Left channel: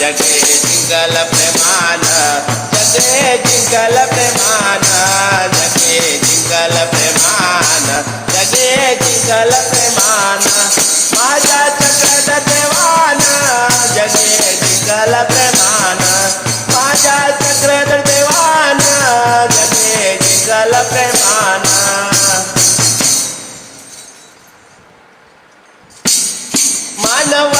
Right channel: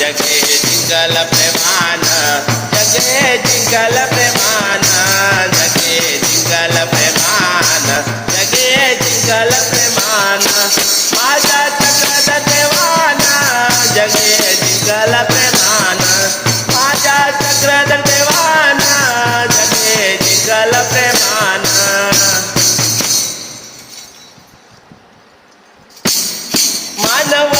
जगे जिंकल प्रेमान जगे जिंकल प्रेमान जगे जिंकल प्रेमान जगे जिंकल प्रेमान, माझा चक्र देवान जगे जिंकल प्रेमान, माझा चक्र देवान जगे मानवता तारा तारा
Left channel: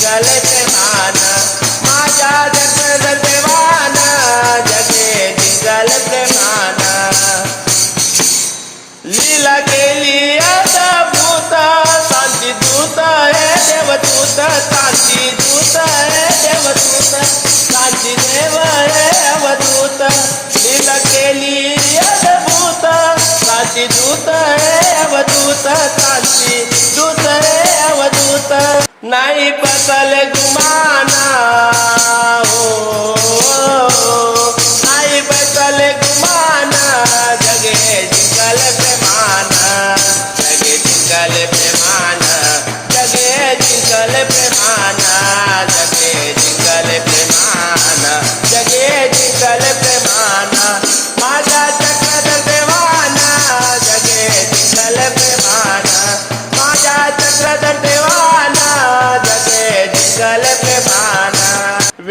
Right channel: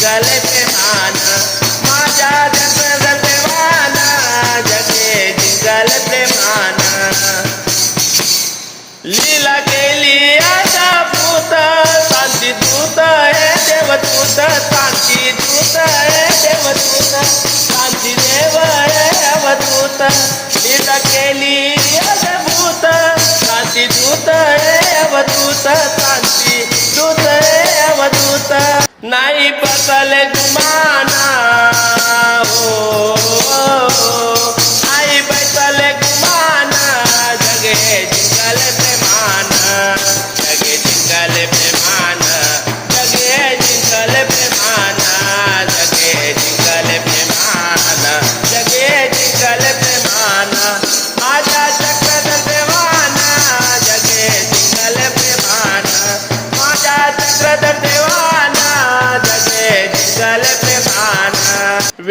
जगे जिंगल प्रेमान माझ्या चक्रधर देवाना, जगे जिंगल प्रेमान लीला केली आता भूत, शांती दूत हे, देवदूत दूत हे, देवदूत, शांती देव हे, अवधूत। लीला केली आता भूत, शांती दूत हे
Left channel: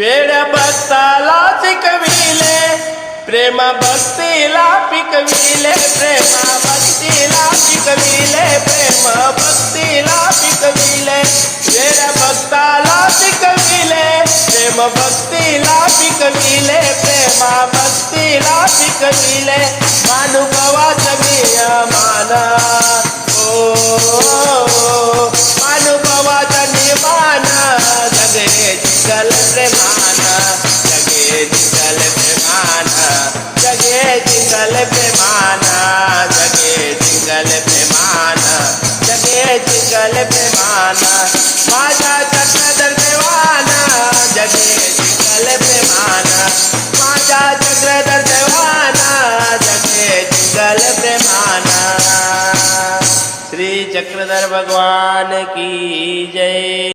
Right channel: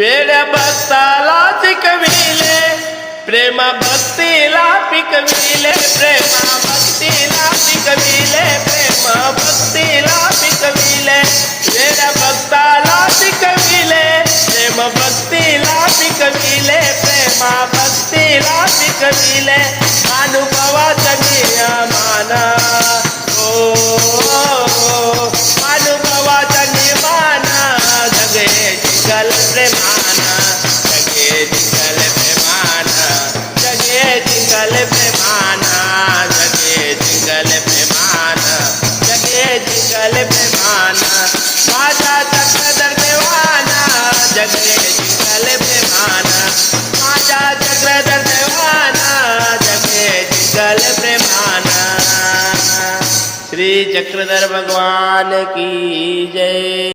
వేడ భక్తాలాసిక వీలే ప్రేమ భక్తి లాపిక వీలే ప్రేమ భక్తి లాపిక వీలే ప్రేమ భక్తి లాపిక వీలే. వేడ భక్తాలాసిక వీలే ప్రేమ భక్తి లాపిక వీలే ప్రేమ భక్తి లాపిక వీలే. మానుభవ కన్యా మానా जिंकल प्रेमान माझा चक्रधर देवाना जगे जिंकल प्रेमान माझा चक्रधर देवाना जगे जिंकल प्रेमान श्री चक्रधर भगवान की जय.